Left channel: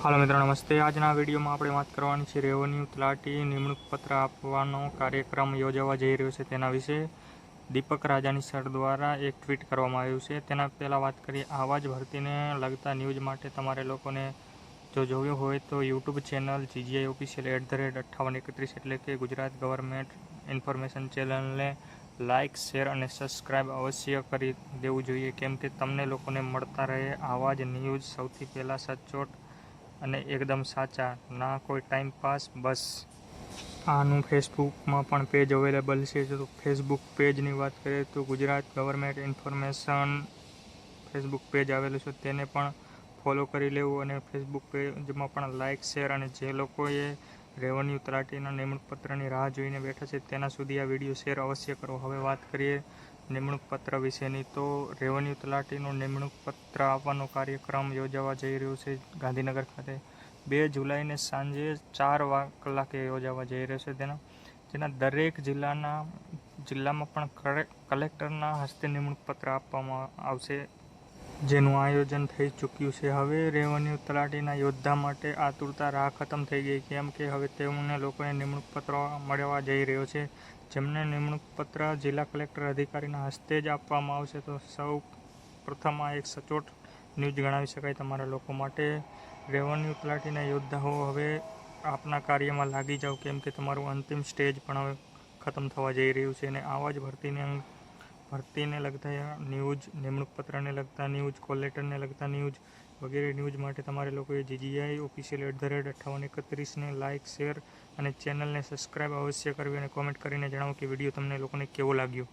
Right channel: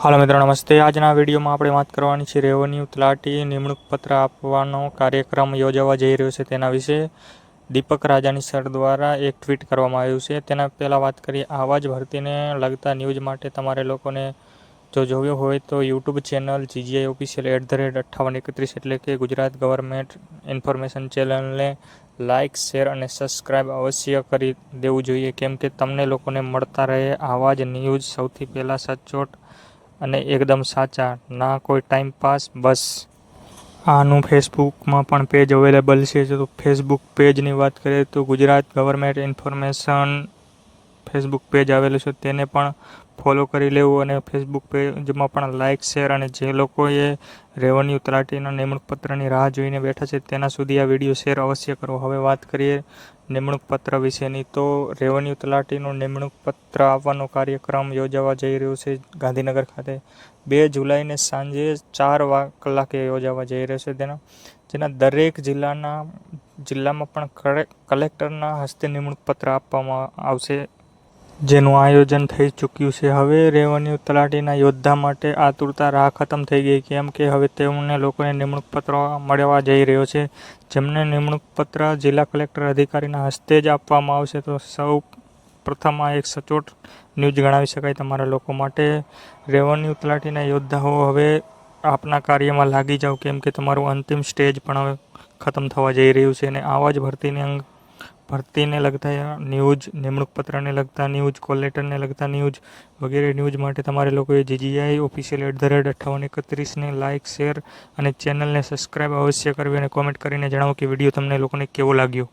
હાલો મિત્રો નમસ્તે. આજના વિડીયોમાં આપણે વાત કરવાની છે રેવન્યુ તલાટી નિમણૂક પત્ર આપવાનો કાર્યક્રમ યોજાવા જઈ રહ્યો છે તેના વિશે. દીપક રાજાની સર દ્વારા એક ટ્વીટ કરવામાં આવ્યું છે. તેના પહેલાં વાત કરીએ આવા જ ભરતીને લગતા ન્યૂઝ માટે તમારે લોકોને જો જોયો હોય તો યુટ્યુબ ચેનલ GGI ઓફિશિયલ @5831 એટલે કે ગુજરાત ગવર્મેન્ટ ઇન્ફોર્મેશન ચેનલને લાઇક, શેર અને સબસ્ક્રાઇબ અવશ્ય કરી દેવું જોઈએ, કેમ કે તમને લોકોને મળતા રહે આવા જ ન્યૂઝ સૌથી પહેલાં સચોટ અને એકદમ સાચા, ના કોઈ ટાઈમ પાસ. બસ આનું ફેસબુકમાં પણ પેજ અવેલેબલ છે. તો ફેસબુક પેજની વાત કરીએ તો Gujarat government information Facebook page આવેલું છે, તેને પણ ફોલો કરી લેવું અને ફેસબુક પેજમાં પણ લાઇક, શેર અને જે લોકોએ રેવન્યુ તલાટીના નિમણૂક પત્રની રાહ જોઈને બેઠા છે તેના સુધી આ વિડીયો શેર અવશ્ય કરો. હવે વાત કરીએ નિમણૂક પત્ર વિશેની. તો રેવન્યુ તલાટીનું નિમણૂક પત્ર આપવાનો કાર્યક્રમ યોજાવા જઈ રહ્યો છે ગાંધીનગર ખાતે 2 જુલાઈને સાંજે 4 કલાકે યોજાવા જઈ રહ્યો છે. જેના દરેક જિલ્લામાં પણ કલેક્ટરના હસ્તે નિમણૂક પત્ર આપવામાં આવશે, જેનું આયોજન થઈ ચૂક્યું છે. હવે રેવન્યુ તલાટીના યોદ્ધા માટે આતુરતા રાહ ખતમ થઈ ગઈ, કેમ કે હવે તેમને લોકોને નિમણૂક પત્ર મળવા જઈ રહ્યો છે, જેમને નિમણૂક પત્ર જિલ્લા કલેક્ટર અધિકારીના હસ્તે જ આપવામાં આવશે. તો સૌ પ્રથમ આ એક સચોટ ન્યૂઝ ગણાવી શકાય તમારા લોકો માટે. રેવન્યુ તલાટીના યોદ્ધાઓ હવે આપના કાર્યમાં લાગી જાઓ, કેમ કે તમારું અંતિમ સ્ટેજ પણ હવે ખતમ થવા જઈ રહ્યું છે. અને આવા જ ભરતીને લગતા ન્યૂઝ, નિમણૂક પત્રને લગતા ન્યૂઝ, કોલ લેટરને લગતા ન્યૂઝ વગેરે ન્યૂઝ માટે તમારે લોકોએ GGI ઓફિશિયલ @5831ને લાઇક, શેર અને ચેનલને સબસ્ક્રાઇબ અવશ્ય કરવી અને કોમેન્ટ કરીને જણાવો કે વિડીયો તમને લોકોને કેવો લાગ્યો.